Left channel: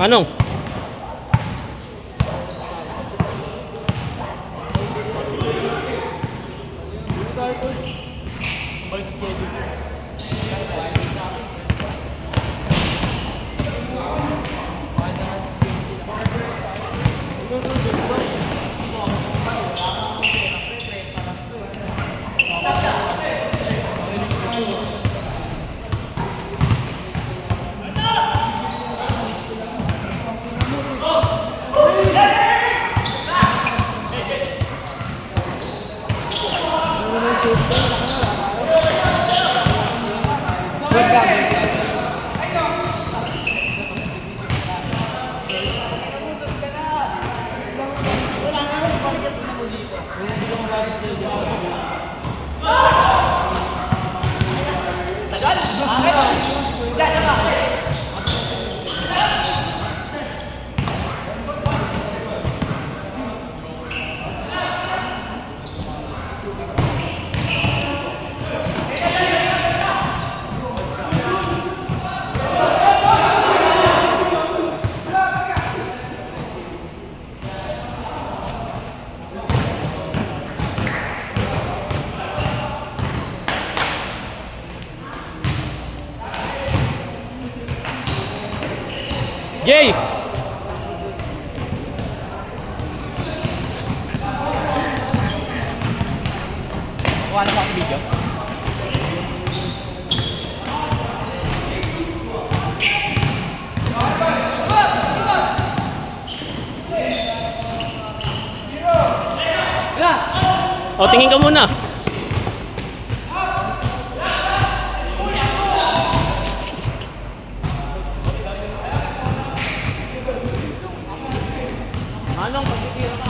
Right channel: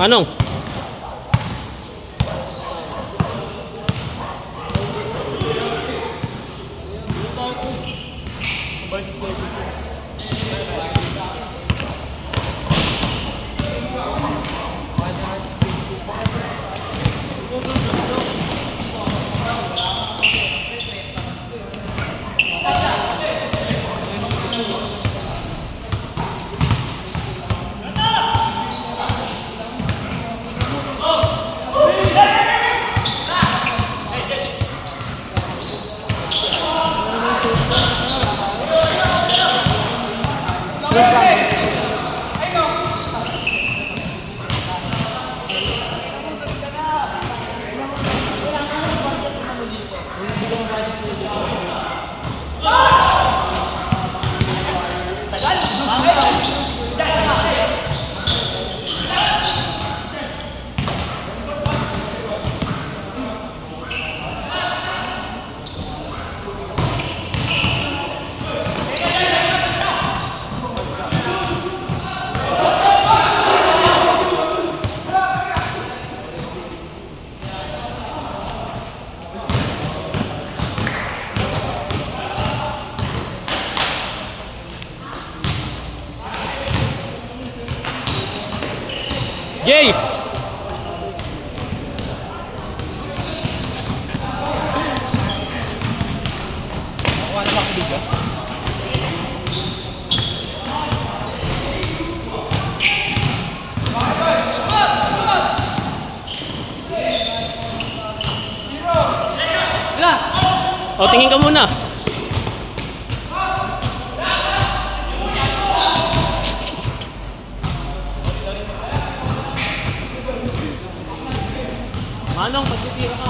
Manong. Jay! Kuha na ba ako video? O, tingin ka muna. Manong, pagkitira ka.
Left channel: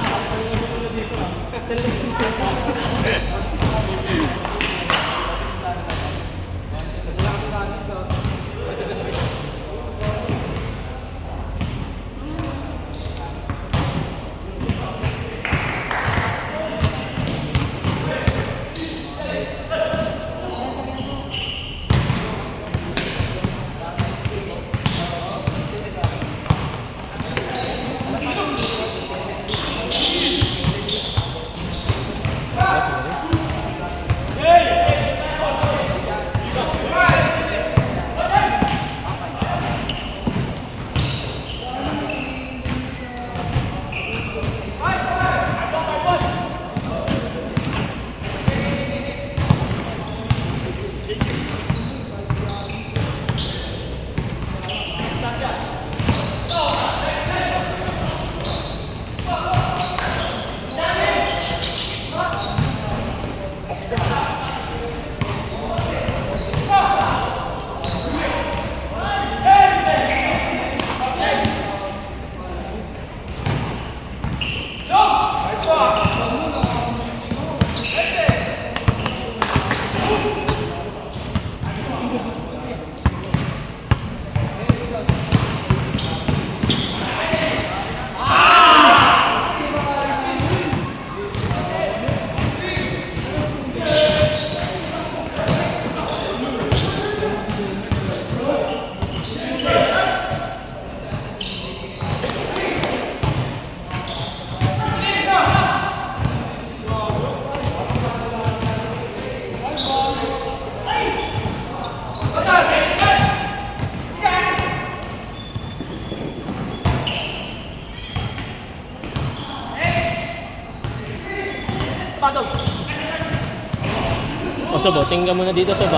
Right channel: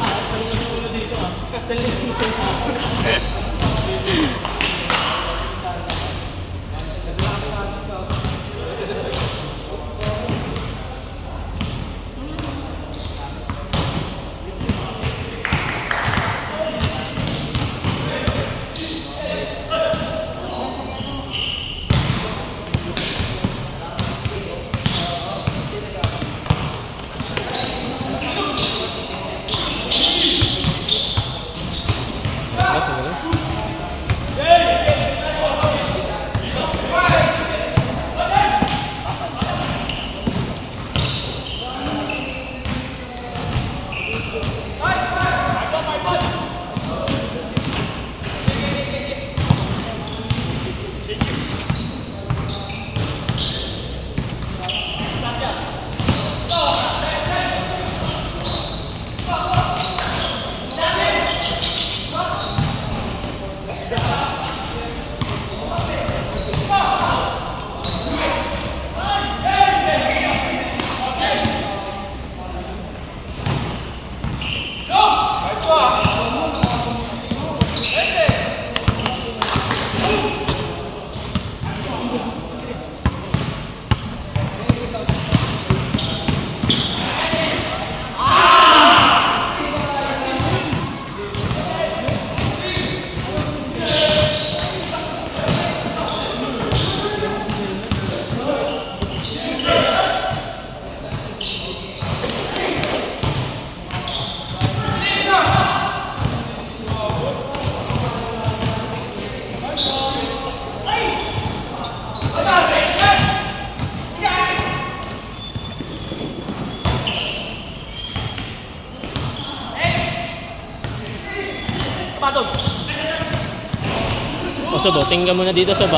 O, Sob, tingin ka muna dito, Sob.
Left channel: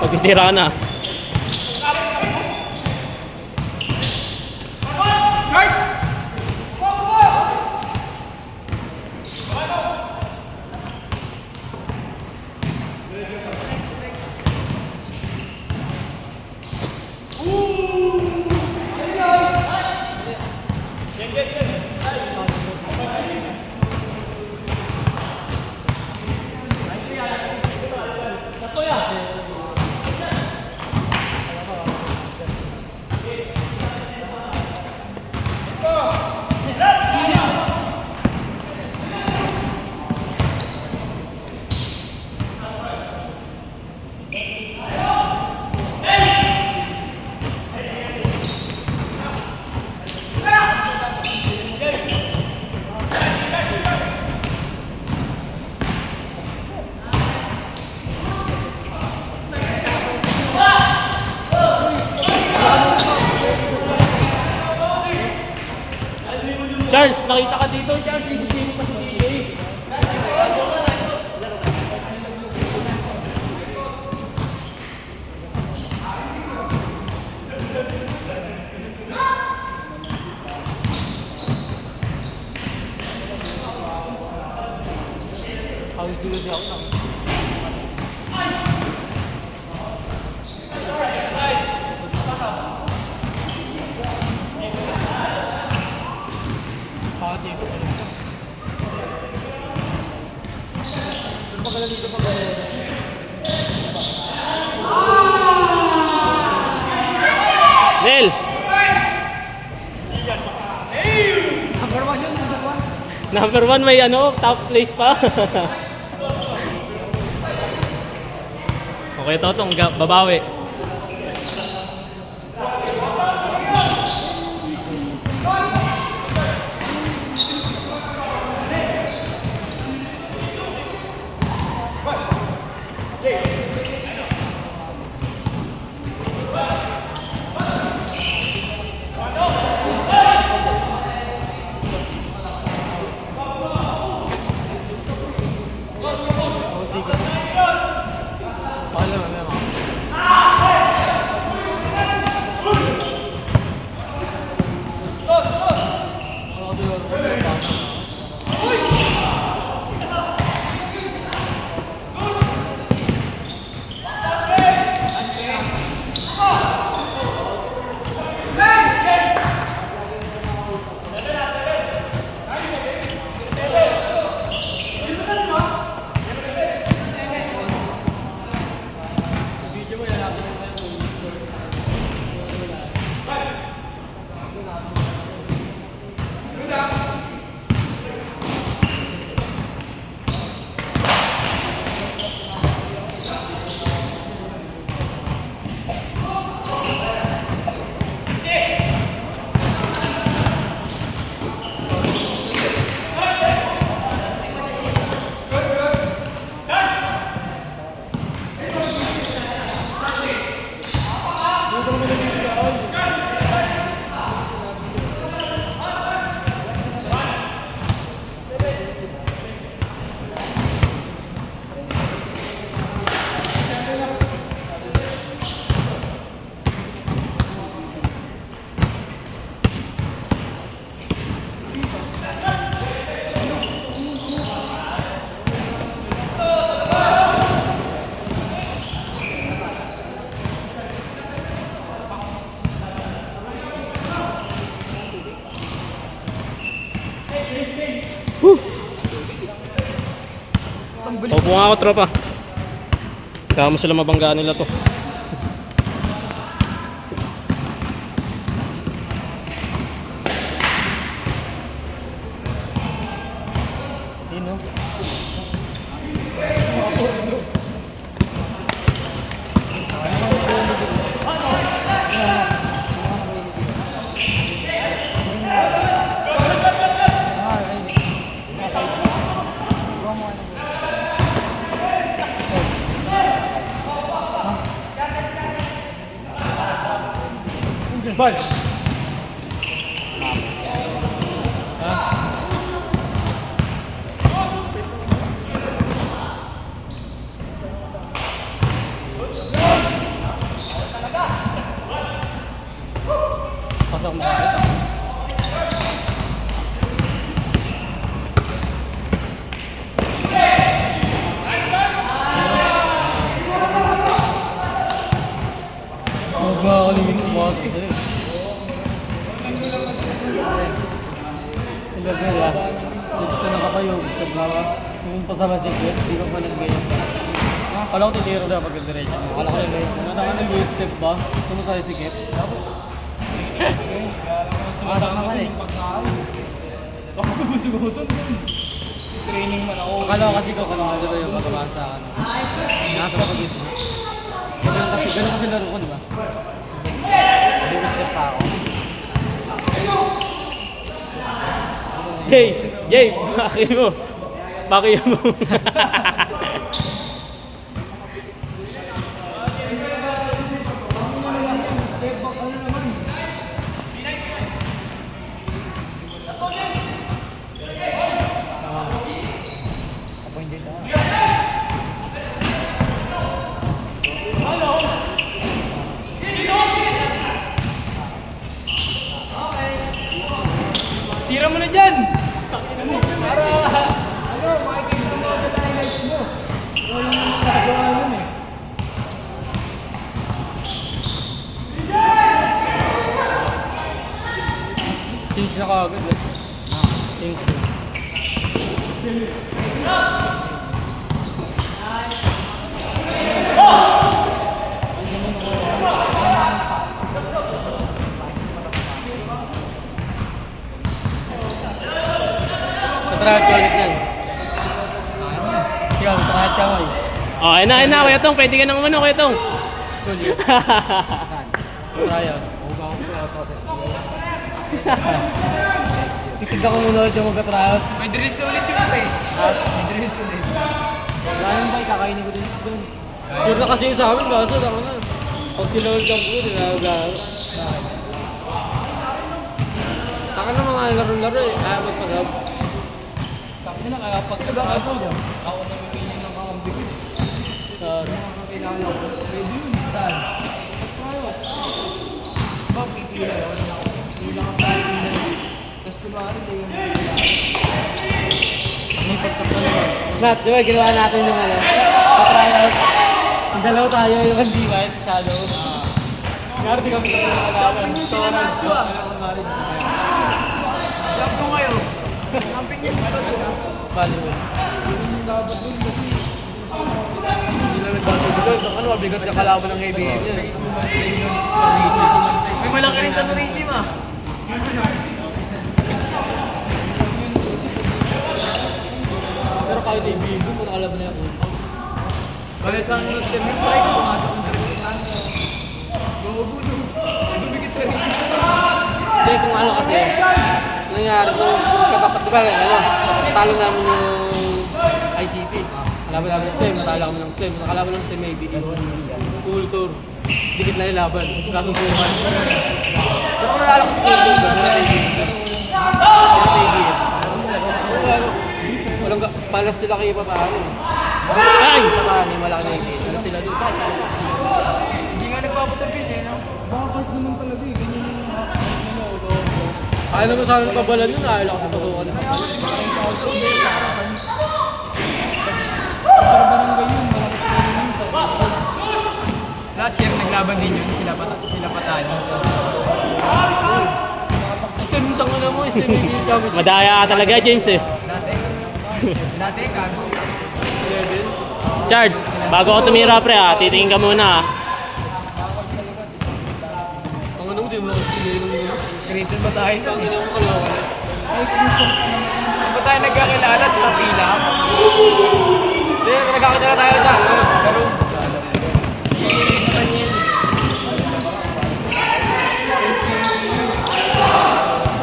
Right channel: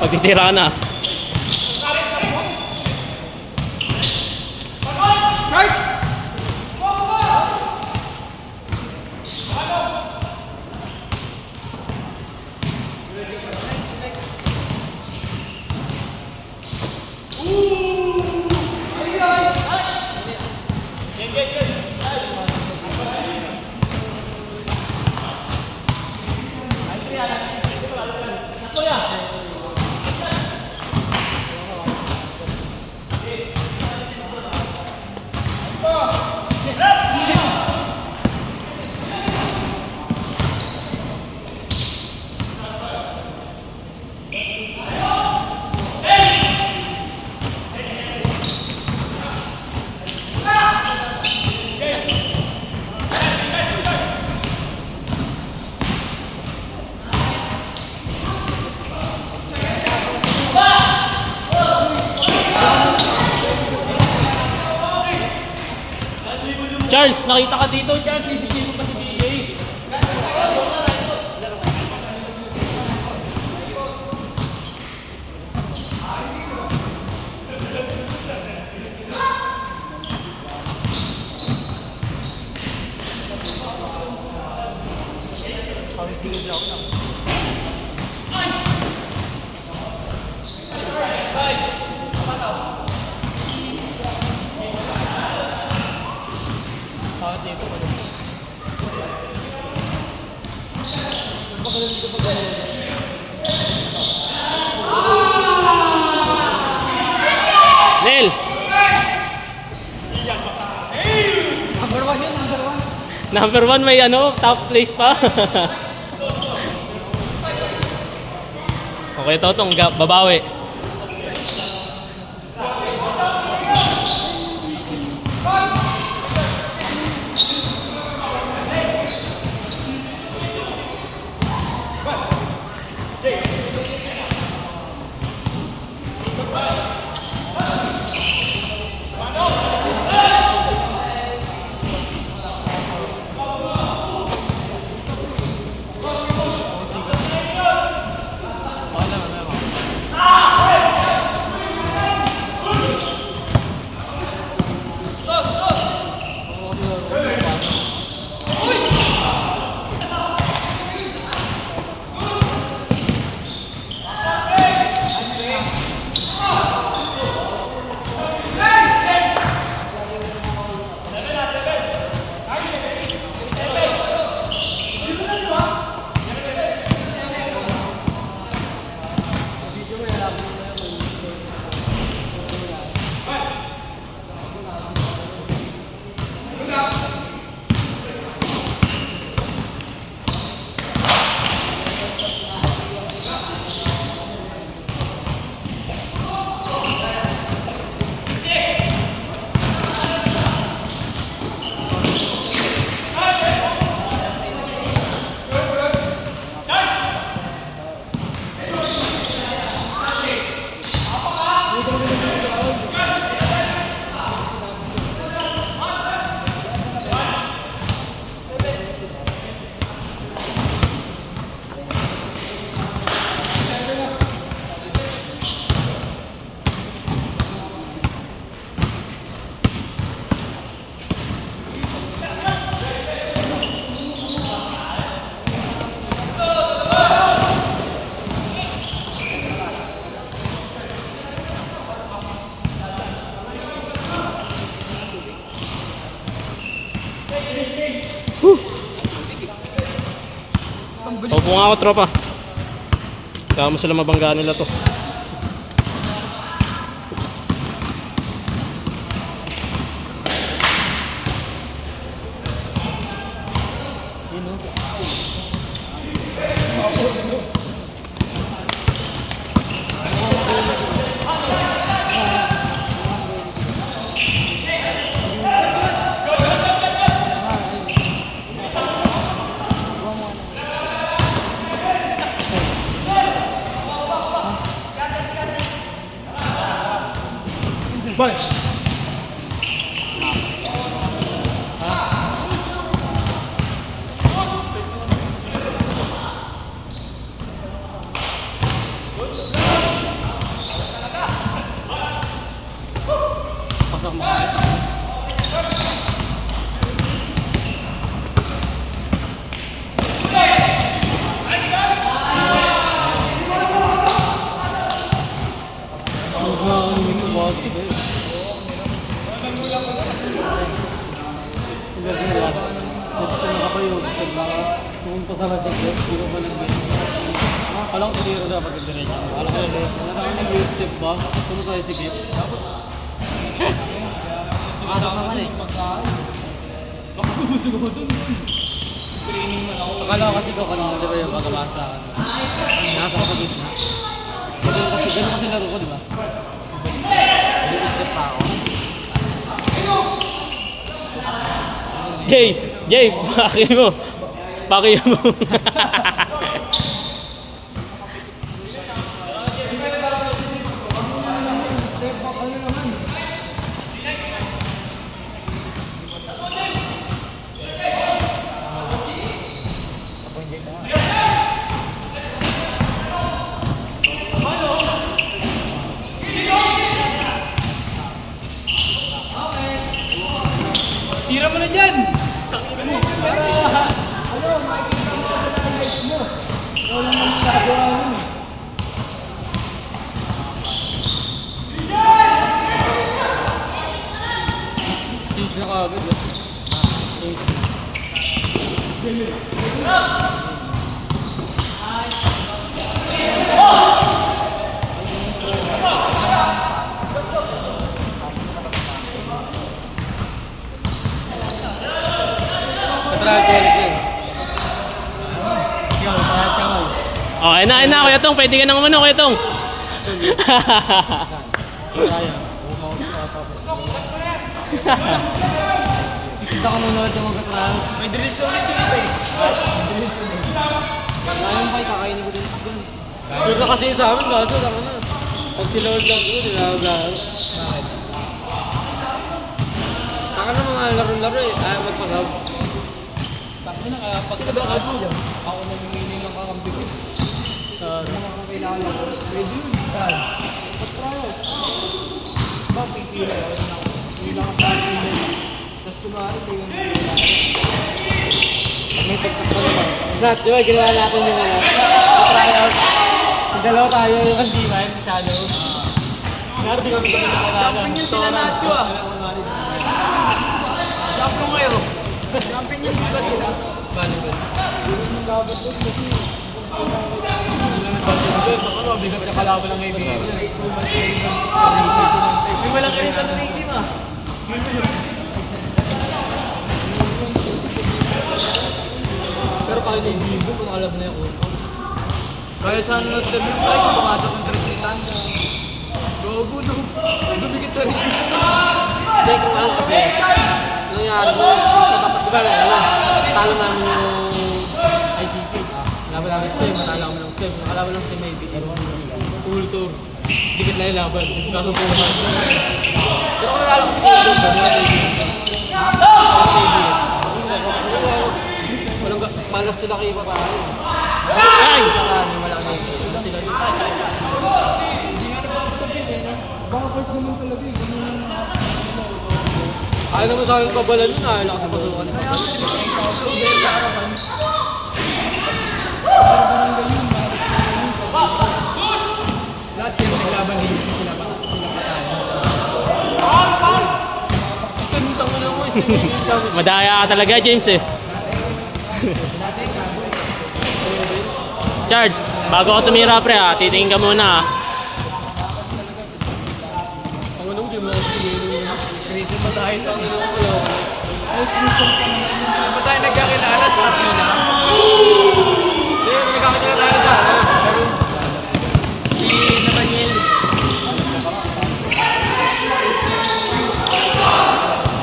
Pagtitira na. kasi ako na. Nel! Number 1 may ano, top place pa. Okay, Totong, babawi. Opo nga ako, tropa. Kaya mo sila mabanggaan nila to. Bye. Pasok mo kayo. Pasama si Kit, hindi ko pa nag-game. Kala ko tutiro daw pag-diretso. Kala ko nag-step ba? Kung sa'yo si Kit. Pasok naman eh. Akala ko kasi ko kanina, di ba yung pagkabasa sa akin. Nasa ko sa beach na. Ganun kasi laro ko, di ba? Nag-step pa ako. Jay, bakit mo? Bakit mo? Tira mo na dyan! Patrato ulit yan. Ikaw, patrato mo eh. Oh, ayun na, Kuya Tong. Pwede ka nang umano, Kuya Tong. Ikita ko nung yung magkatrato. May drills ulit yung ito eh. May drills ulit. Wala yung bang kakainin ko din doon. Sure na kasi yung sa amin, kaso ako na. Pag sila hold up ko, nilalaro. Taka na mga laro-laro eh, ayaw magpasab. Sabi na kaya pag nag-aab mo, ako na yung nakakambit. Kailangan ako. Ready yun. Pag-tryout. Ba, pipila ako na ako. Pipila ka sa akin. Tapos kumari, ito yung kailangan. May tiktak ka naman. Nat, di ba, ginawa natin yung pag-tryout. Yung dalawa tayo, yung hindi ba, yung shadow. Kaya di kami nakakala. Kampan yun sila Nat, di ba? Kampan kayo. Kampan yun sila. Bali doon. Ano, bigat yung kalaban ng kaibigan niya. May walang ka rin sa Tracy, ma. Pero kahit yung video, makalaban na yung upo. Kaya sa mga step yung bike, pumasok ng Tracy. Gogo, no. Bumigit sa rin. Hindi, kung ano kasi, nangyari ko, katapat ko ba lang, talo namin yung ICT. Laban namin STEM, natalo kami ng STEM. Nakalaban ng STEM ABD. Tour. Dikit lang yung laban. Kaso puman. Pero kung nalala ko sa tour, wala ABD. Pero malas sila kayo patalo. Ay! Nakani, malaki na yung gate. Sila doon. Hindi nga nagpapasapil eh, no? Bakit naman talaga eh? Ayaw naman sa amin pabalan nun, ayaw lang kasi pasukan ng pabalan. Last year, naglaban din yun, sila patalo. Istinitang mo na mo, istinitang. Madaya ka talaga, James eh. Charles, bago ako tumira pre ha, titingin ka muna ha. Ang ano, di mo kasi creative ba tayo nun eh? Ba tayo nagkakilala sa Pina? Hindi, nagkakilala tayo sa room. Si Daniel.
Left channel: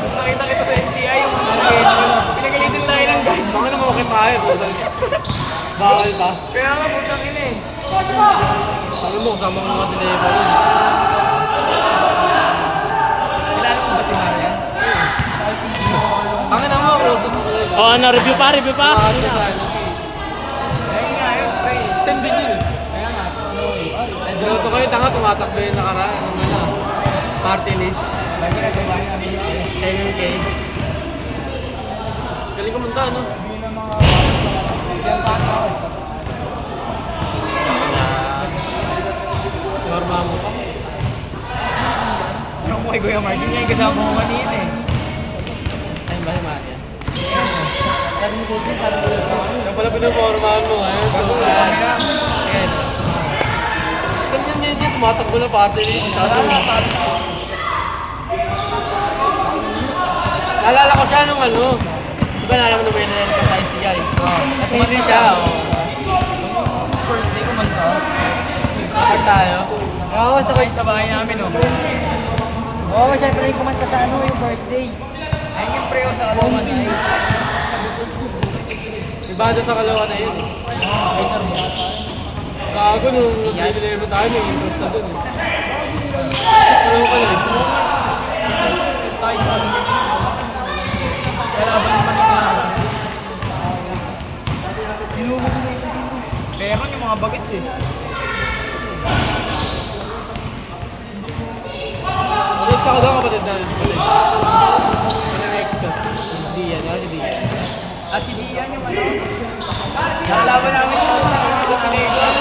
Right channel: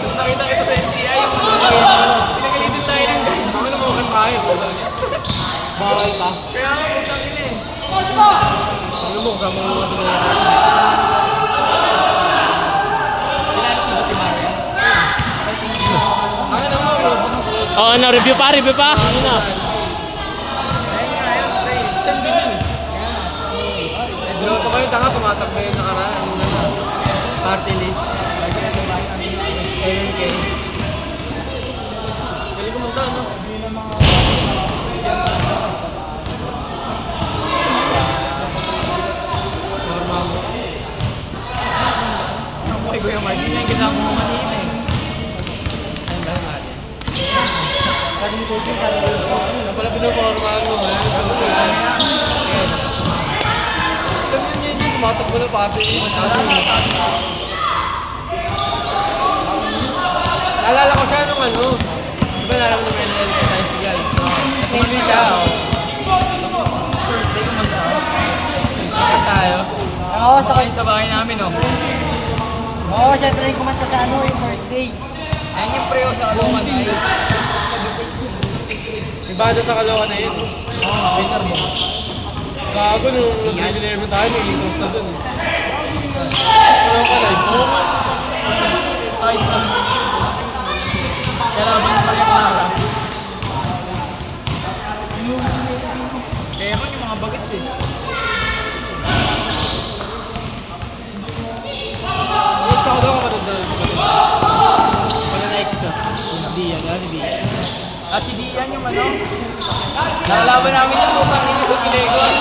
Tapos nakita kita sa STI yung pinagalitin tayo ng guys. Saan na mukha tayo? Bawal ba? Kaya nga, putang ina eh. Sabi mo, kasama mo kasi na ito. Kilala ko ba si Maria? Ang ina mo, Rosan. Oh, ano, review pa? Ano na? Ayun nga, pre. Step din yun. Kaya nga. Binuto kayo, tanga, tumatakbo yung nakaraan. Ang gano'n. Martinez. KMK. Galing ko magka, no? Ay, Kuya Mark, hindi na yung kasama ko kanina eh. Ayun ba naman yan? Yung pala pinupormahan mo, ha? Stop yun yun, tumatakbo na party list. Naalala ko siya nung ano, di ba naalala ko nung tayo si Guy? Napili siya. First day ko mag-sound. Bakit tayo? Oo, sakit sa bahay namin, no? Oo, syempre yung kumanta sa ano, yung first day. Ayun yung preo sa Kalawa na yun. Ibada sa Kalawa na yun. Gago nung nag-deliver tayo, may intros na dun. Ano ka na eh? Kaya man yung mga bagets eh. Next ako daw kapatid na rin. Wala na extra. Diyan, si Diyan. Si Diyan yung ano. Nalaban namin yung mga kami sa Pilipinas.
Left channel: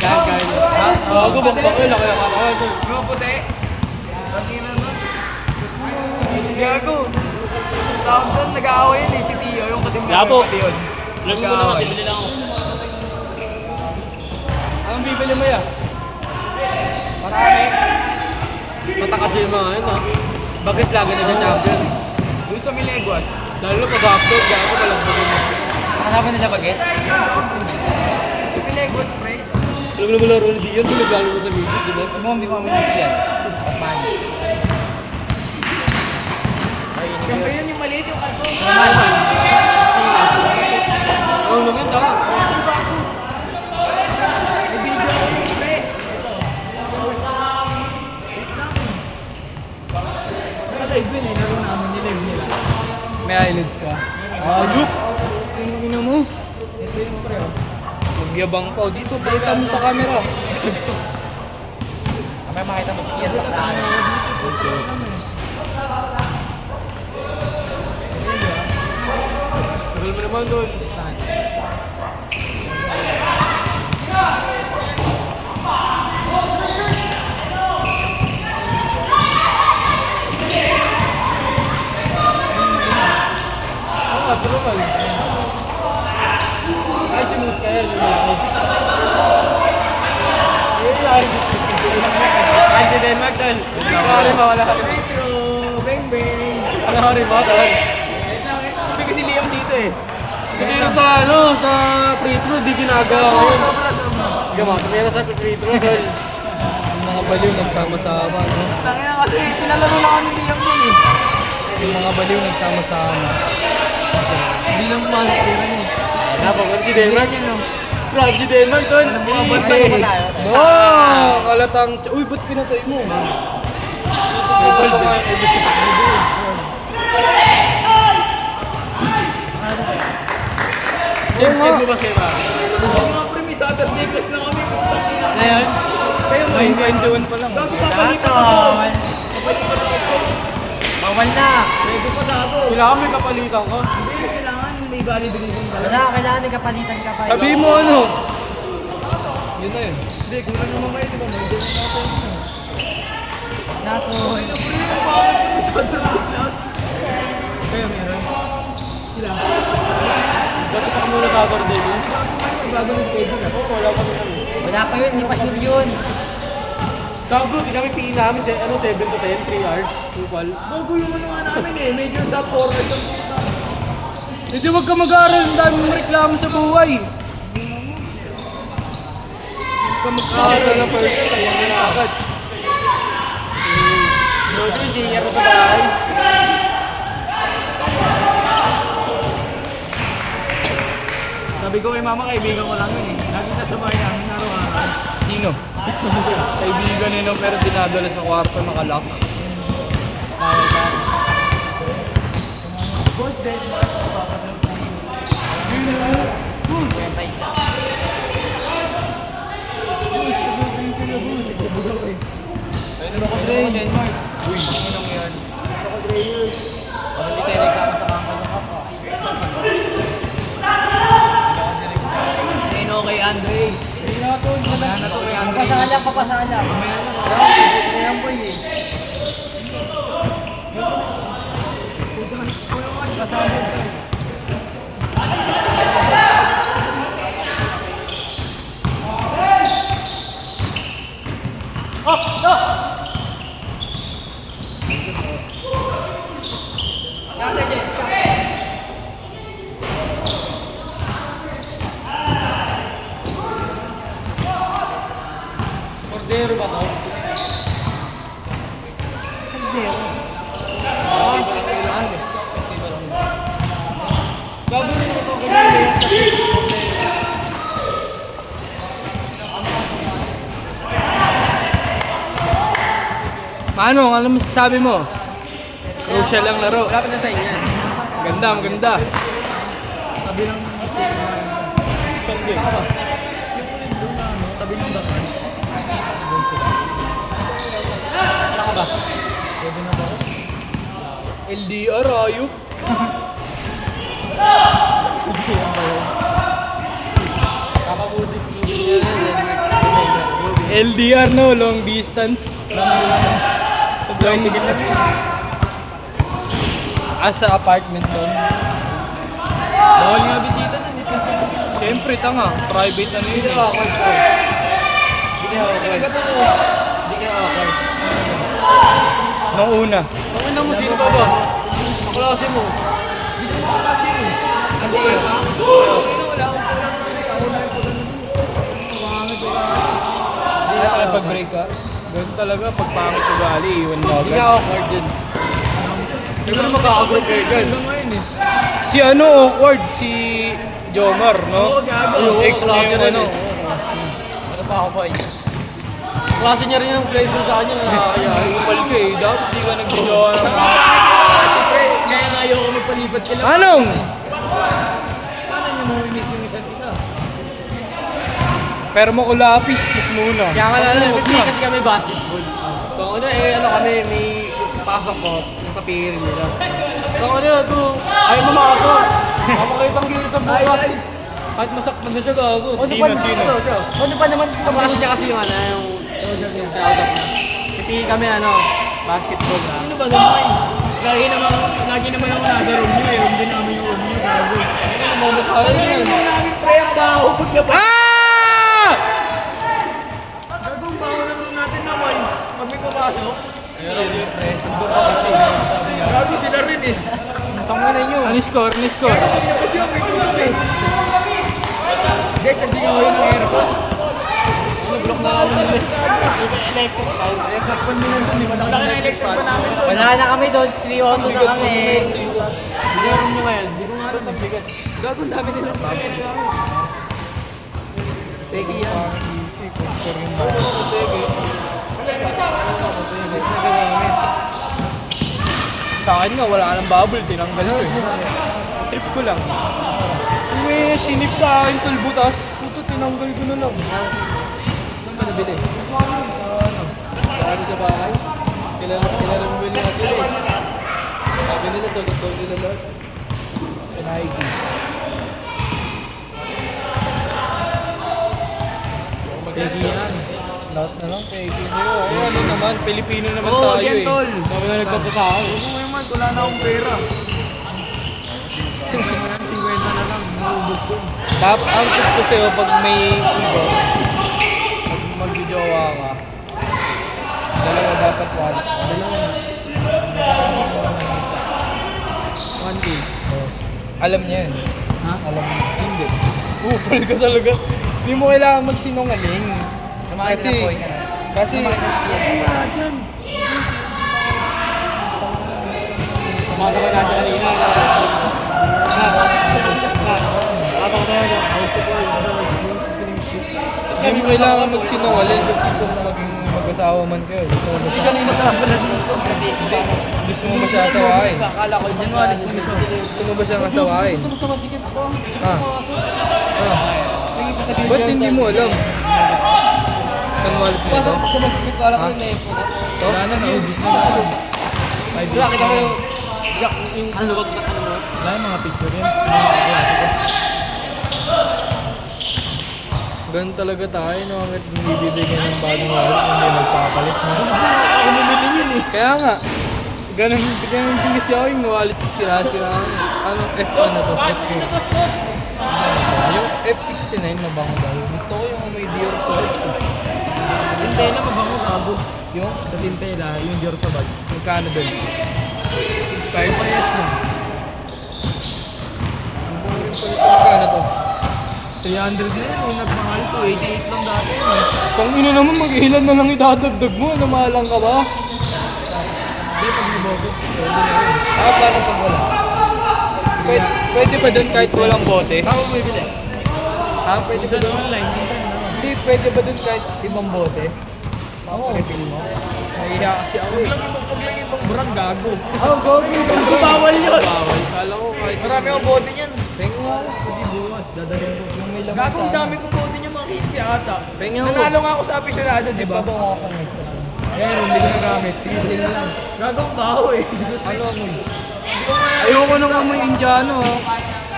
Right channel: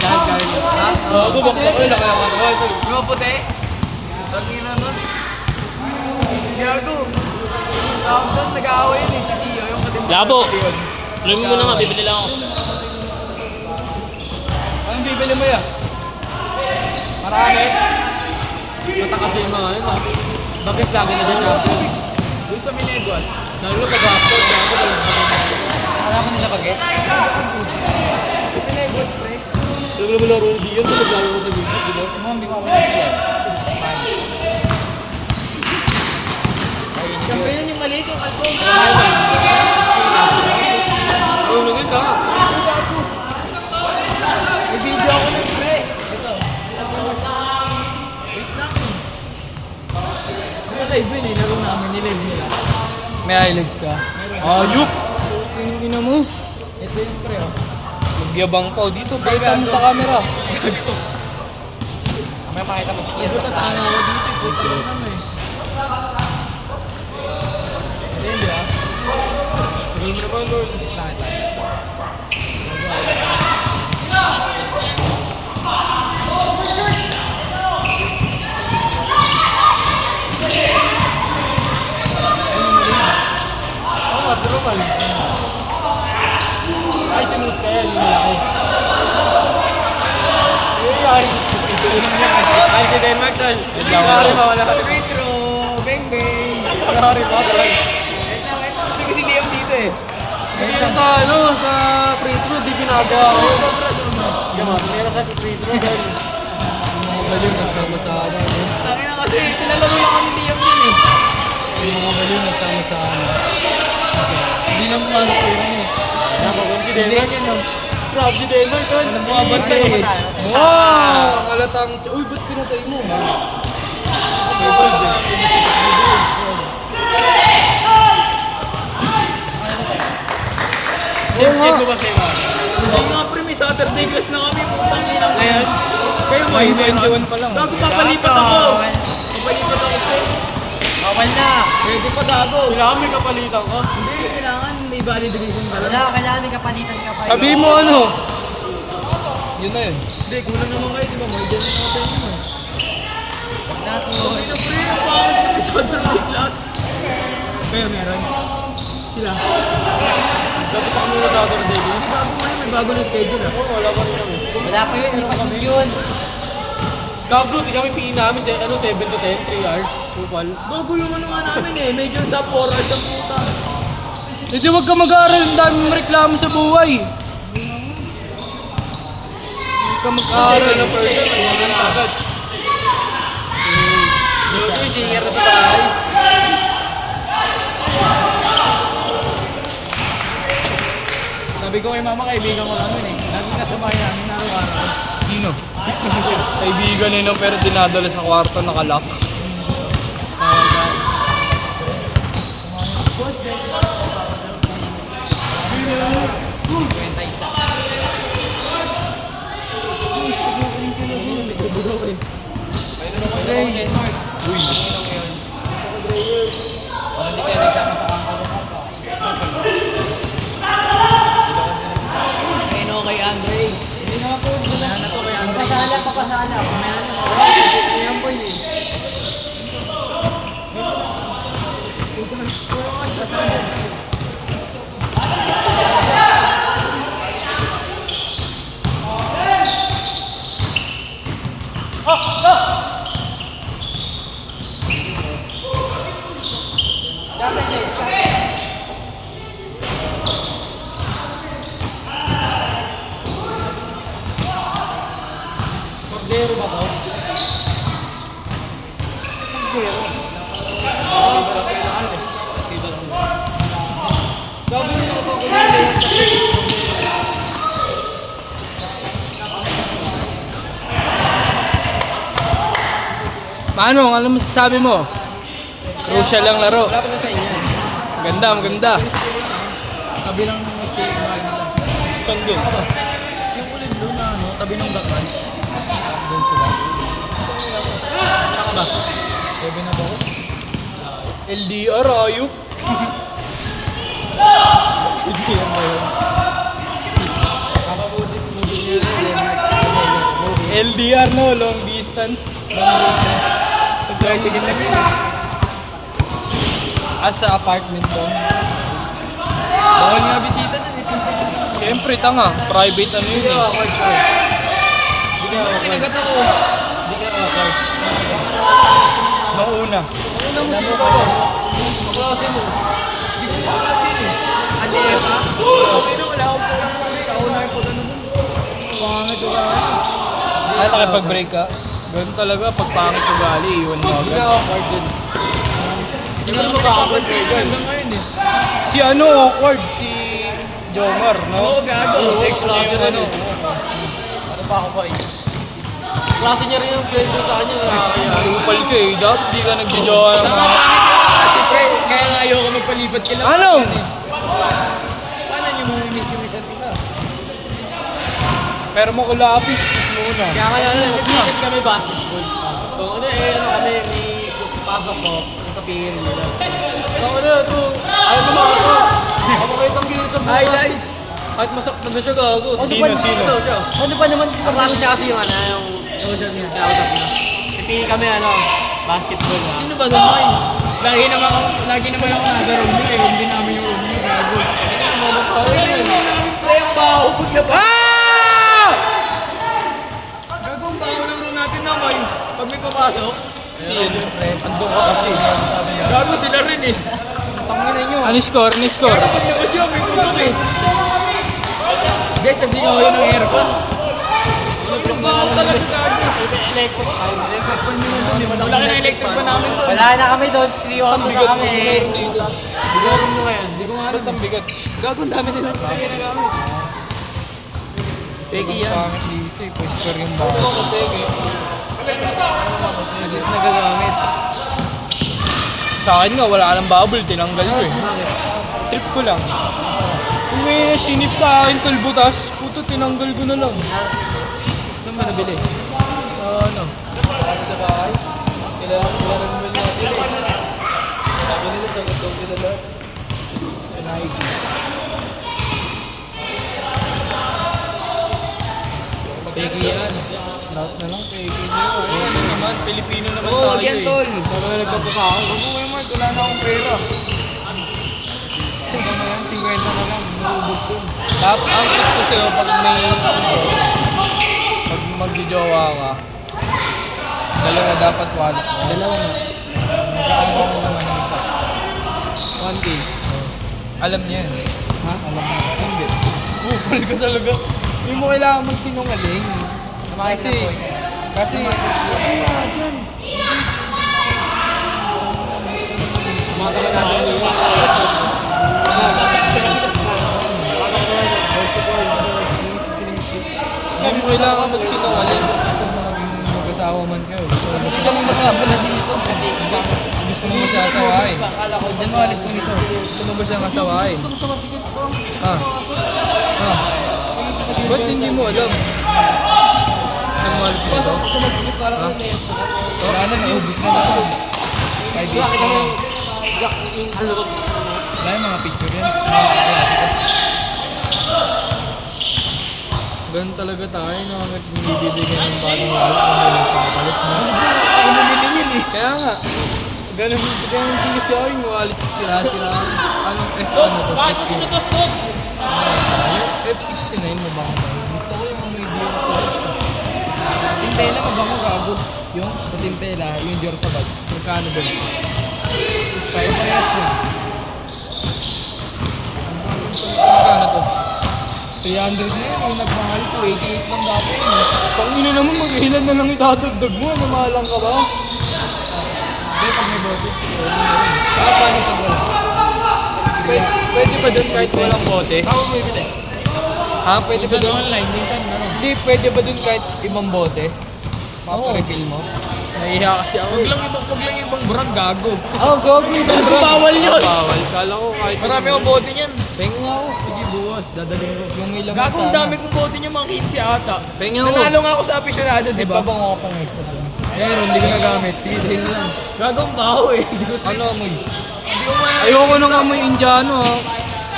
Gagay. Ha? Oo, gubakbak yun. Kaya katawan doon. Yung mga puti? Gago. Tapos nag-aaway yun eh, si Tio, yung katimba. Labo. Alam mo naman, bibili lang ako. Anong bibili mo yan? Marami. Matakas yung mga ano. Bagas lagi na dyan champion. Uy sa Mineguas. Lalo pag-upload, kaya ako walang bagay. Ano ba nila bagas? Mineguas, pre. Alam mo naman laro na diyan, talagang ko sa video, di ba? Hindi mo mangyari yan. Champion yung maliit yung alto. Oo naman, ha? May video ako ng pre. Ito. May live yun eh. Laro namin nilive nila. May iLives ka? Ayup! Tingin mo. Ito yung pre. Magyabang pa. Dito, pakita mo sa camera. Mamaya makita mo si Kian. Sagal mo naman doon. Patrumal. Ay, sinus kaya yun ako. Ay, si Denmark doon. Sorry, mawala ka rin. Petro, bang bang. Sorry, ba doon? Hindi ko si Liam dito eh. Hindi na sa, ano, sa Petro, di ginagawa ko yun. Gamat, meron sa Petro doon. Mga baliw nagsama-sama. Kaya kasi, pinalaro lang ako ni Liam yun eh. Yung mga baliw nagsama-sama. Hindi lang pumapira niya eh. Napagod si Denmark yan no? Grabe si Denmark ito. Nabukabot eh. Wow! Kalatang... Uy, ba't pinatay mo? James, get mo ba kayo ba? Oo nga pre, may Saturday class na kami. Ngayon? Kayo may 21 pa lang. Bago papalipat ako. Bawal na. Pwede pa ako. Kailangan may kapalitan ka. Hindi, kailangan may valid reason pala. Wala, kailangan may kapalitan ka pa. Sabi mo ano? Yun na yun. Hindi, kulang naman kayo, di ba? May din natin. Nato. May Saturday class. Kayo meron. Sila. Dapat ako muna sa Saturday din. May bago na schedule ah. Oo, wala pa rin kami. Wala pa yun, hindi pa sure yun. Gago, di kami pingin namin sa ano, 7 to 10, 3 hours. Tupal. Bago yung ano nga namin eh. Major sa 4 hours ang puta. Hindi, huwag ka mag-aaral. Ang dami mong reklamo sa buhay. Huwag ka mag-aaral na person. Ayan na agad. Lodo, singer na sa bahay. Sabi ko kay mama, kaibigan ko lang yun eh. Lagi kasama namin araw-araw. Sino? Kaibigan nila pero dinadala sa kwarto nakalock. Bawal ka. Boss, Ben. Kwenta isa. Denmark. Uy, manginong yun. Pag hindi tayo nagsama sa kangkal ng kapwa. Ayun kay Andre. Hindi na to. Hindi na to kay Andre. Pasalam, papasalam. Ayan po eh. Cordero ba to? Gabo nila ako kung ano yung kasi. Paano? Ano masasabi mo? Crucial lang laro. Wala pa na sa inyo. Ganda, maganda. Tabi lang ng mistake na yun. Saan doon? Siyempre doon na ano, tabi ng dapat. Doon sila. Saka ba? Pwede na ba? LDR, ayup. Kakabudik movie niya na yun. LDR no, long distance. Sa tricycle na rin. Sa apartment doon. Bawal Siyempre, tanga. Private ano yun eh. awkward ko. Hindi ka awkward. Hindi ka awkward. Mauna. Unang musika ba? Klase mo. Hindi ko klase eh. Kasi Eva? Kaya tayo pag-break ka. Ganun talaga, pag pangit ugali, iwan mo Hindi ka agad. awkward din. Hindi ka mag-awkward sa'yo dyan. Si ano, awkward, si Jomar, no? Oo, gago. Yung ex niya yung ano. Ano pa ako pa eh. Klase niya rin yung play doon sa kanya. Nakakaya. Upal ka eh, dapat di ka nag-jowa. Kasi pre, kaya nga ayoko magpalipat kila. Ano? Paano niyo mo miss yung isa't isa? Pero mo kulapis, kiss muna. Kaya nga na kasi kami basketball. Kung ano eh, ano kami, may pasok ko, nasa pier nila. Kung ano, ito, ayaw mo makasok. Ako kayo tanggil sa bukas. Kahit masaktan na siya gago. Sino? Ano siya? Ano pa naman? Ang klase niya kasi yung ano, yung kinausap niya. Pipili kami ano, basketball na. Ano ba naman? Lagi naman ako nasa room mo. Yung din namin yung room mo. Gago. Hindi namin pre ang baho pag labas. Gagong baho lang natin naman. Pag may papasok. Pero yun pre, tundok ko kasi sabi niya. Gago sila rin eh. Tanganan niyo. Ano score? Ano score? Gago din kasi yung may tulog eh. Guys, sasigaw yun ng aircon. Block na namin nila. Electric fan nyo nandun, di ba na electric fan? Wala na kami doon. 3-1 na kami. Bigaran mo ngayon, di ko nga rin ang bigat. Gago ang dami nilang ginagamit. Peki yan. Score yung ba? Ano ako peki? Mas nagagamit. Sa akin nga, wala ka ng bubble, tinanggal ko eh. Trip ko lang. May sinip sa akin, tulbutas. Puto, tinanggal ko na lang. Saan ba nabili? Sa bahay. Kilala mo bili natin eh. Sabi nila sa loob nila lahat. Sa Nike. Peki yan. Lahat na lang, kay sa'yo. Ano naman, Pilipino naman Oo, tayo wag yan eh. tol. Sabi na nagpunta sa akin. Huwag mo naman, wala na akong pera. Ito mo yan, 50 na lang. Maubos ko. Top outfit ko sa'yo pag may pag mag-jowa ka. Dalawa dapat wallet. Dalawa. One day. Alam niya yan. Ha? Alam niya. Hindi. Upal ka talaga. Hindi mo kailangan magsinungaling. Kasi, wala dyan. Masama na dyan nila. Hindi mo kailangan magsinungaling kasi kung maging mag-asawa man kayo. Kasi kanina sa na dito. Gusto mo ba siya asawain? Akala ko, dyan wallet kong isa. Gusto mo ba siyang asawain? Ah. Ah. Ba't hindi mo alam? Pasok ko na sige, akala ko na na-airport. Wala na, naubos na naman. 5 days na yan. Ano ko? Wala yung mga picture yan. Mga kaklase ko. Ganun talaga tayo, no? Bibili ka ng bagong wallet kung may nagpapalit mo. Ako bumili yun eh. Kaya nga. Ganun din kasi ako yung wallet ko sira-sira. Anong F ano to? Yung F69 mabango ba yun? Gusto ko yung may deal sa Tintela mo ba mo gago? yung Sa Tintela, yung Dior sa bag. magkano doon? Style parehas na. Magkano to? 300 na yun, yung nagmahal ko, 88 lang dati yun. Kung ino naman mag-ilan na lang idadagdag mo, namahalang ka ba? Hindi, pag naboto, Paano pag wala? Pwede pa doon kahit walang bote? Saan mo bibili? Ha? Pwede ba Minsan doon? online, minsan no. Hindi, pwede ba doon kahit ibang bote? Maka-refill mo? Nahiya kasi ako eh. Huwag lang ibang brand gago. Oh, gagawin ka ba? Bawal yun. Bawal. Kala ko kahit Marami akong bote niyan. Penga ako. Sige buwas, dadagyan ko. Yung may laman Gago ang sana. dami ko bote niya mga 15 ata. Penga ako. Nanalo nga ako sa aficionado, di Di ba? ba bang ako pang extra lang? Meron, hindi ko nagamit. Sige, sige lang. Gago ang baho eh. Hindi ko Ano amoy? Hindi ko nga. Ayoko nung amoy Indiano ha.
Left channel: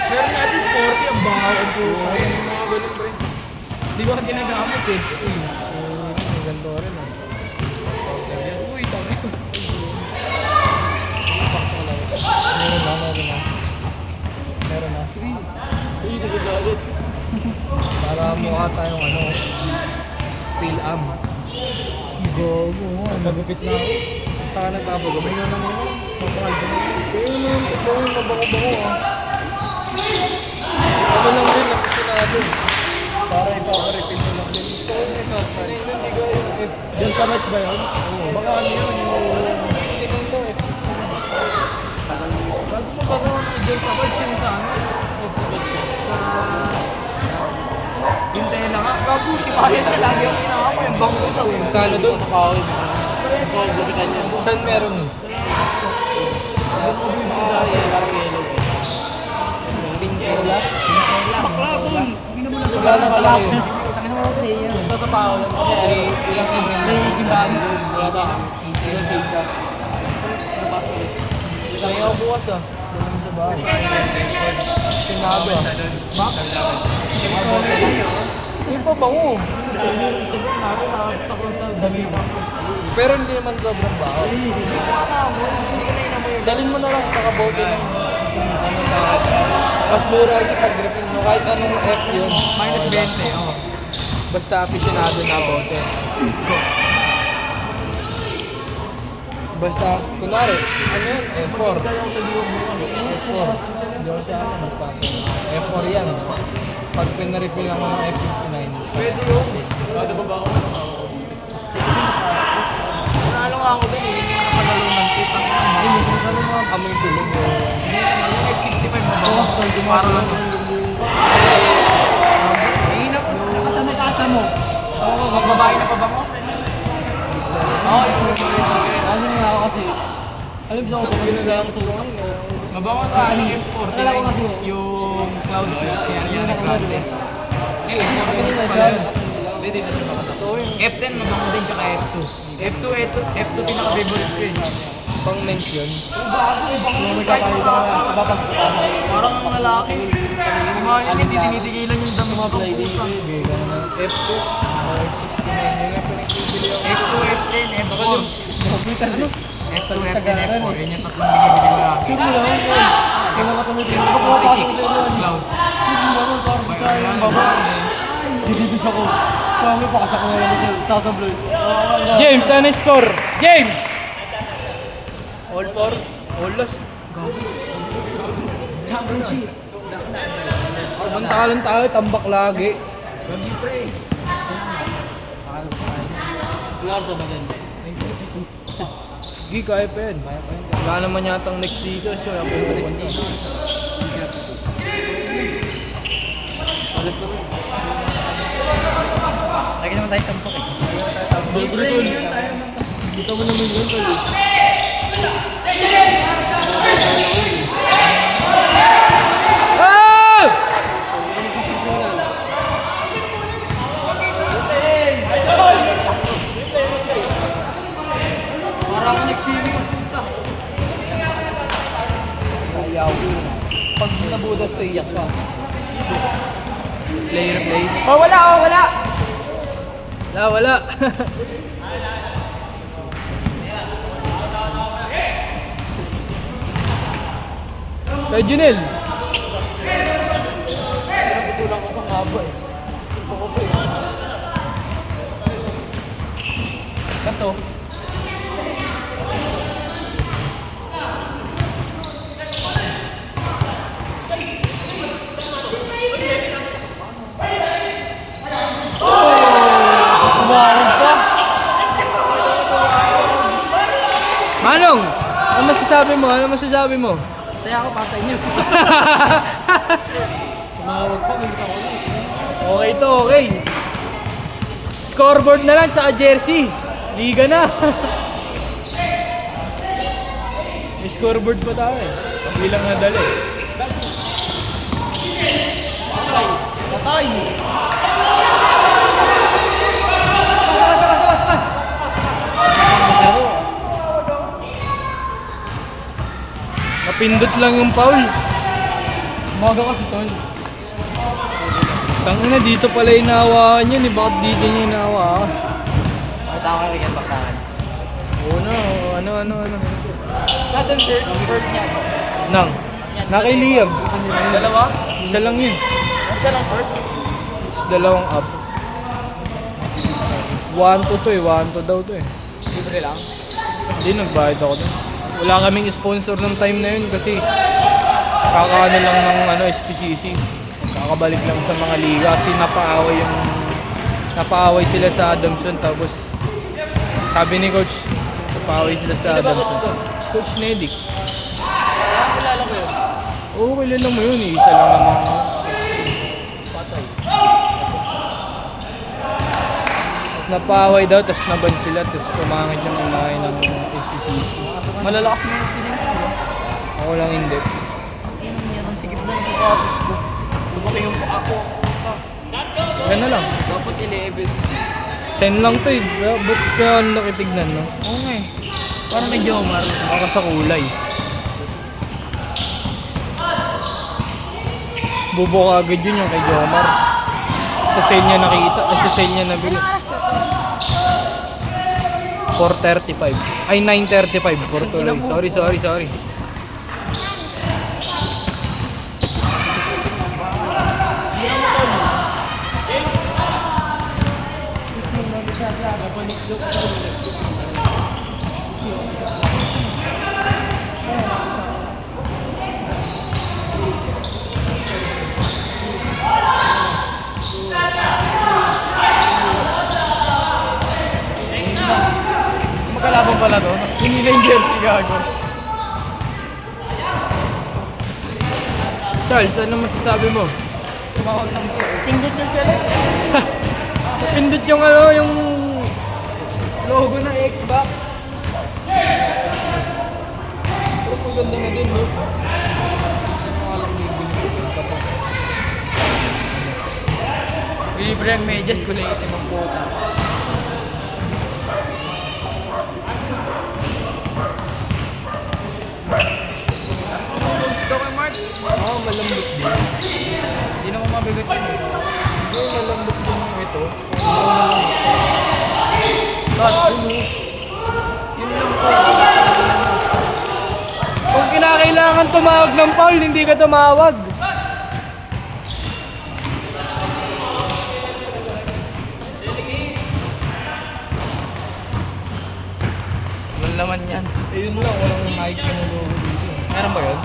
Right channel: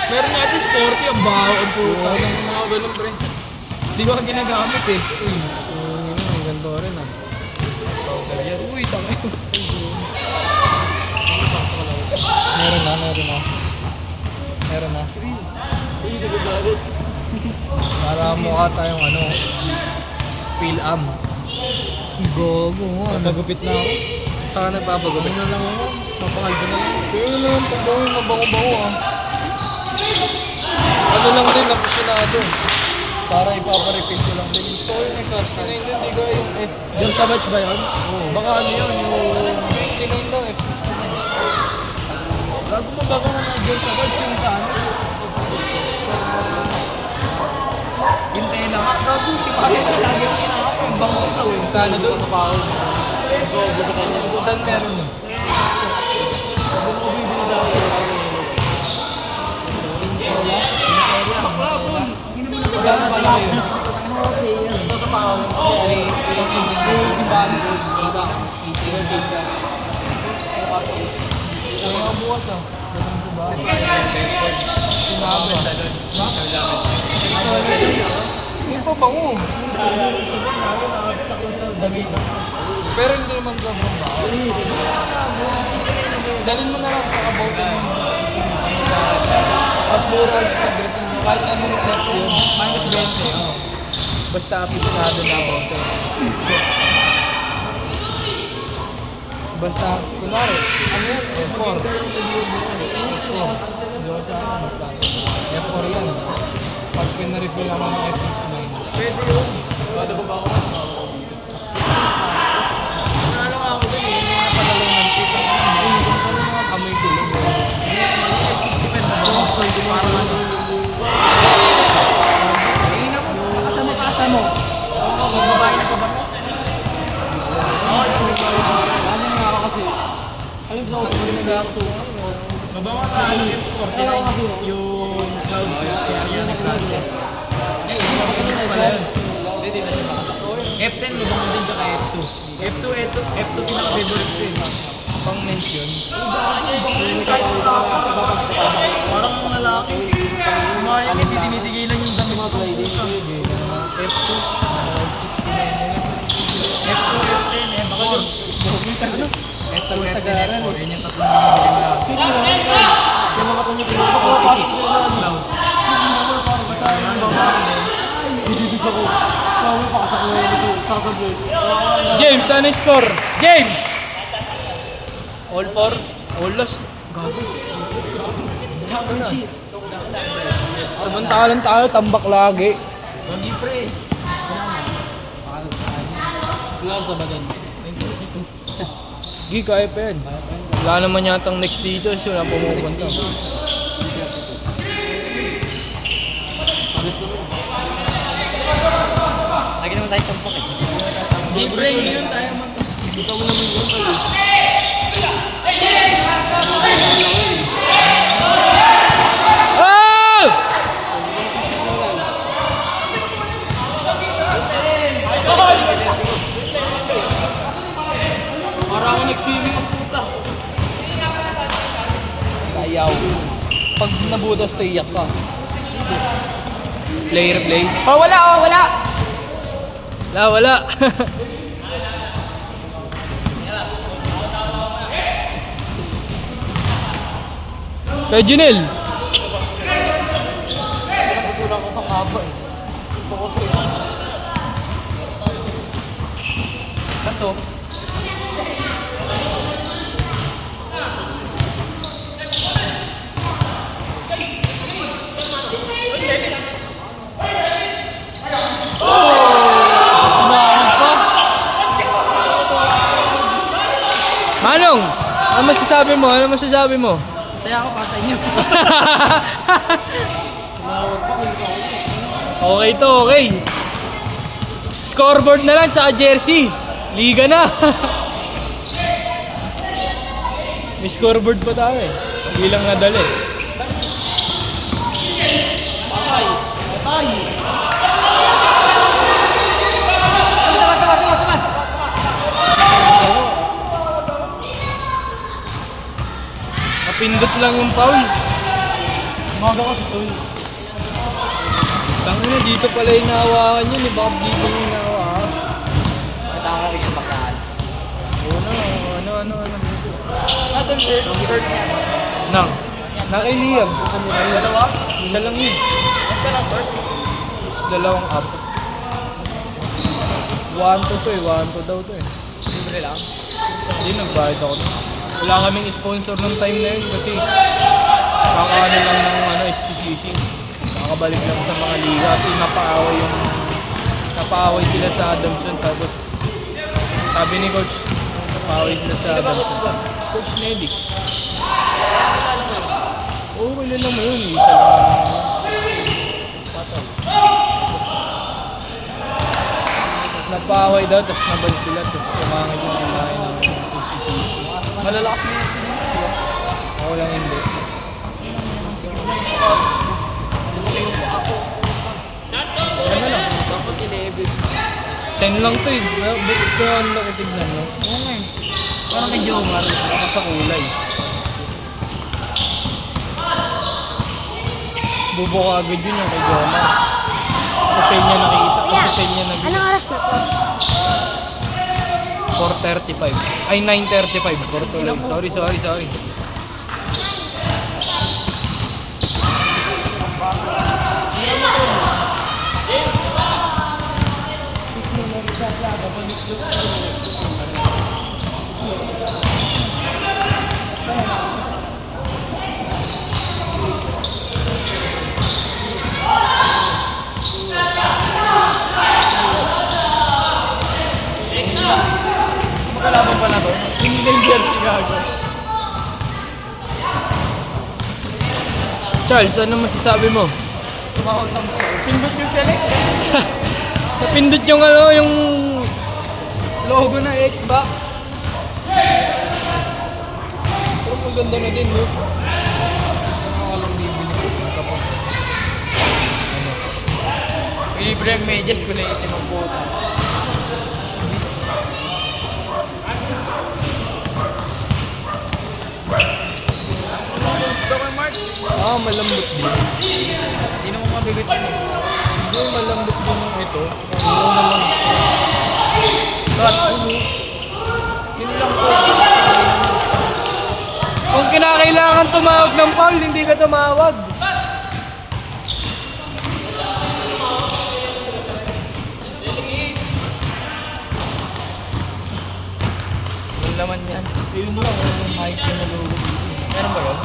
Meron nga ito sporty, ang baho. Ang puto. Ang mga ganun pre. Hindi ko nga ginagamit eh. Maganda rin ah. Uy, tangay. Meron na. Meron na. Uy, nagagalit. Para mukha tayong ano, Phil-Am. Gogo mo. Nagupit na ako. Saan nagpapagupit? Ano na ako? Pero yung pagdawin na bango-bango ah. Ano lang din, napusinado. Para ipaparefill ko lang din. Gusto ko yung cast. Hindi ko yung F. Diyan sa match ba yun? Baka ano yun, yung 69 daw, F69. Bago mo ba mga diyan sa match yung sa ano? Sa... Hintay lang ako. Bago si Marian ka lang yan. Yung bango ito eh. Kala doon, pakawin. Saan meron nun? Magkano ka lang yun? Ito sa pao lang. Kaya ako bukas ah. Datang sa bahay. Sinabi ah. Hindi pa bango. Pero hindi naman sobrang baho. Dalhin mo na lang nakabote ng mas mura kasi pag-refill mo. Kahit anong F yun. Minus 20, oh. Basta aficionado na bote. Basta, kunwari, ano yan? F4. F4. Hindi ko sa ano. F4 yan. Pag pinarefill naman ng F69. Pwede yun. Ano ba ba ako? Nanalo nga ako doon eh. Yung mga panalo ng putang. Amoy tulog. F65 na ako. Parang ano. Ayun ako. Nakasama yung asa mo. Magbabae na pa ba ako? Ano nga kasi? Ano ba ako pag ginagaya ko sa lupa? Mabawa ka ano yung 49. Yung cloud break. Yung cloud break. Eh, yung pala yun. Hindi na siya makasto. F10 mabango din tsaka F2. F2 pinaka-favorite ko yun. Pang men's yun. Parang ang lalaki. Si Mario, hindi tinitigilan yung dami mo itong puta. F2. F2, F10, F4. F2, F10, F4. Yun yung tatlong binibili na. F6, cloud. James, ano yung score? James! All for? All lost? Championship. Pumunta ka lang tayo, tambak lagi. Gagi pre. Larsa ba dyan? Gi, kaya pa yun. Wala naman yatang next dito. So, wala pa yun. Alas na rin. Lagi naman tayo tampak. Libre yun tayo. Kita mo naman yun tayo. Hey! Parang ako nag-swimming ang puta. Ayaw. Pag nabutas to, iyak ka. Player play. Oh, wala, oh, wala. Wala, wala. Kay Junel. Naputulang ko pang haba eh. Gusto ko to eh. Kato. Manong, ano masasabi mo? Ano masasabi mo? Saya ako para sa inyo. Okay to, okay. Scoreboard na lang, tsaka jersey. Liga na. May scoreboard pa tayo eh. Hindi lang madali. Napindot lang yung foul. Maga ko si Tol. Tangina, dito pala inaawaan yun eh. Bakit dito niya inaawaan? Mataka rin yung bakaan. Oo nga, ano. Nasaan sir? Third niya. Nang. Na kay Liam. Dalawa? Isa lang yun. Nasaan ang third? dalawang up. 1-2 to eh, 1-2 daw to eh. Libre lang. Hindi, nagbayad ako. Wala kaming sponsor nung time na yun kasi kakaano lang ng SPCC. Kakabalik lang sa mga liga kasi napaaway sila sa Adamson tapos sabi ni coach, napaaway sila sa Adamson. Si Coach Nedic. Oo, kilala mo yun. Isa lang naman. Napaaway daw, tapos naban sila, tapos kumangit ng kumain ng SPCC. Malalakas na yung SPC. Ako lang hindi. Ang sikip na yung sapatos ko. Mura yung ako. Gano'n lang. Dapat 11. 10 lang to eh. Ba't kaya nakitignan mo? Oo nga eh. Parang may Jomar. Ako sa kulay. Bubo ka agad yun yung kay Jomar. Sa senya nakita. Sa senya nabili. 4:35. Ay, 9:35. 4 tuloy. Sorry. Kalaban pala to. Hindi na yung jersey gago. Charles, ano masasabi mo? Tumawag ng po. Pindot yung select. Napindot yung yung Logo ng Xbox. pero maganda na din, no? Libre ang medyas ko na itim ang puta. Gusto ko, Mark. Malambot din. Hindi naman mabigat yun eh. Yung malambot din ito. Ano Cut. Yun lang po. Kung kinakailangan tumawag ng foul, hindi ka tumawag. Yun naman yan. Ayun lang, yung mic na nalulog dito. Meron ba yun?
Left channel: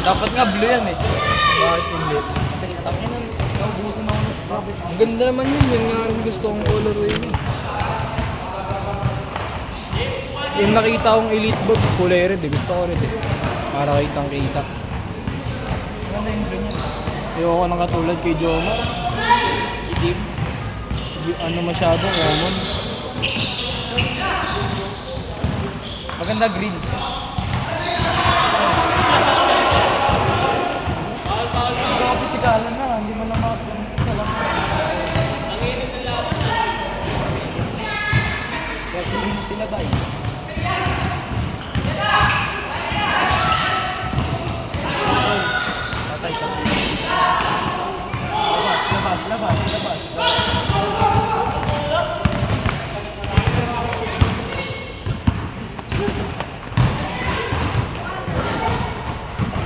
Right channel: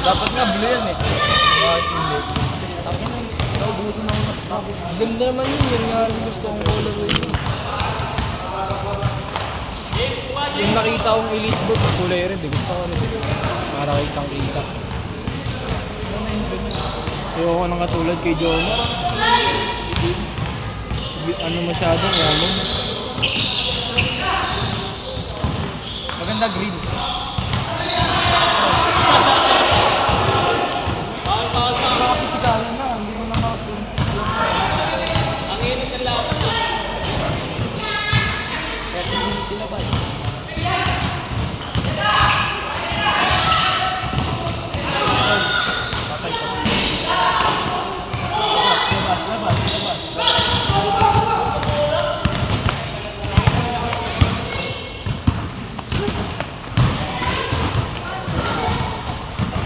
Dapat nga blue yan eh. Bakit hindi? Naubusan ako mas bakit. Ganda naman yun, yan nga rin gusto kong colorway yun. Yung nakita kong elite book, kulay red, gusto ko rin. Para kitang kita. Ayoko nang katulad kay Jomar. Ano masyadong common. Maganda green.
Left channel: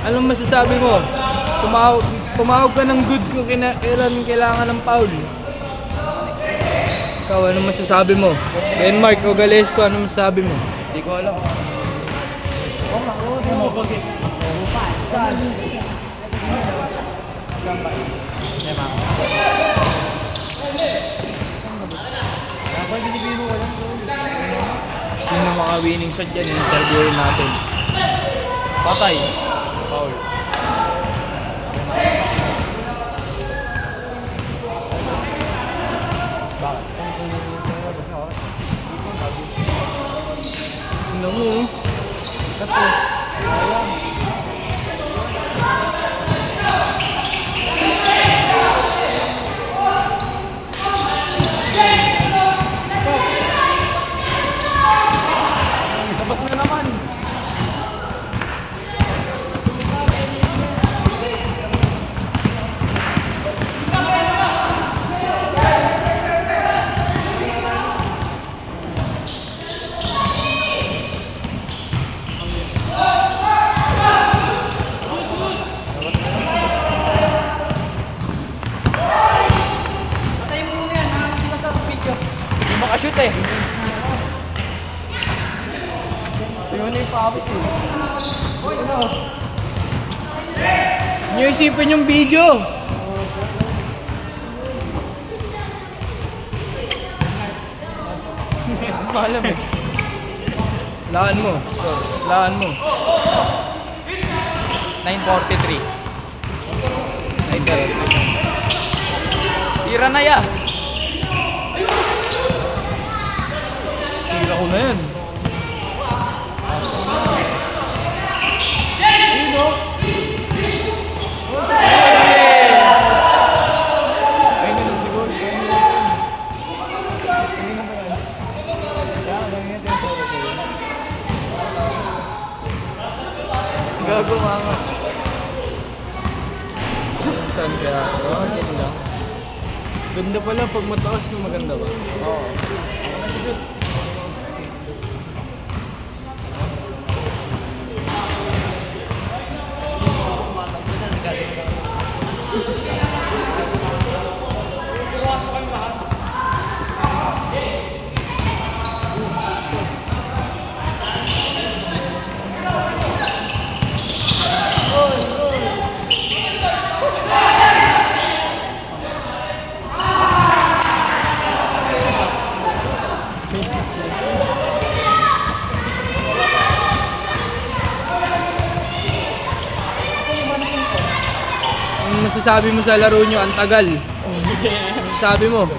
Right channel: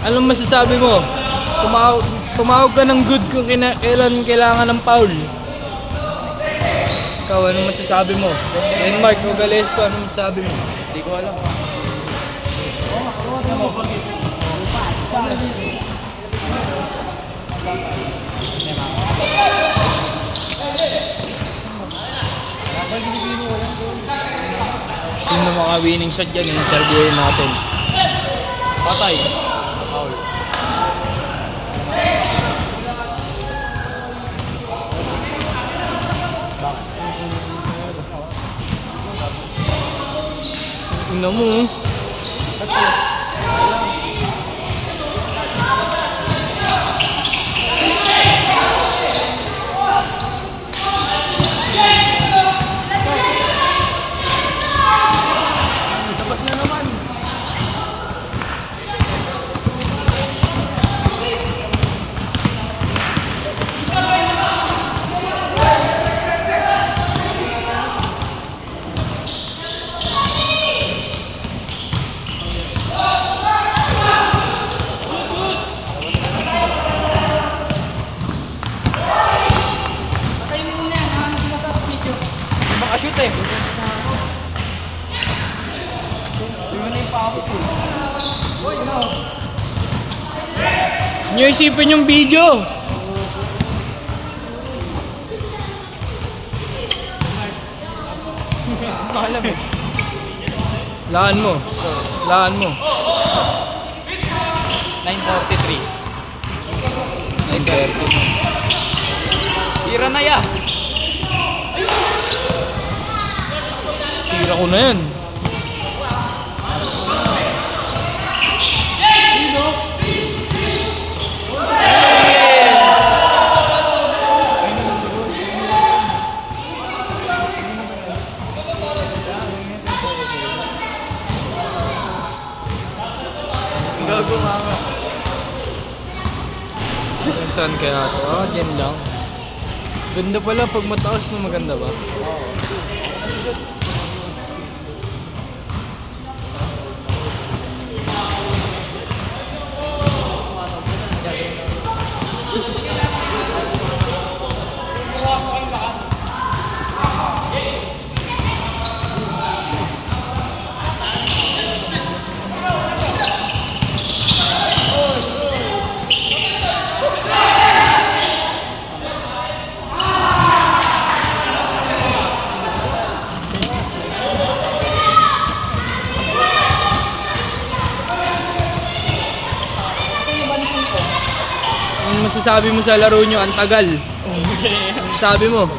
Anong masasabi mo? Tumawag ka ng good kung kailan kailangan ng foul. Ikaw, anong masasabi mo? Yan Mark, Ogales ko, anong masasabi mo? Hindi ko alam. Sino mga winning shot yan? Interviewin natin. Patay. Foul. Tingnan mo eh. Labas na naman. Nyo isipin yung video. Mahala mo. Laan mo. Laan mo. 9:43. 9:30. Tira na ya. Tira ko na yun. Gago mama. Saan kaya? Oh, ganda. Ganda pala pag mataas na maganda ba? Ang masasabi mo sa laro nyo, ang tagal. Sabi mo.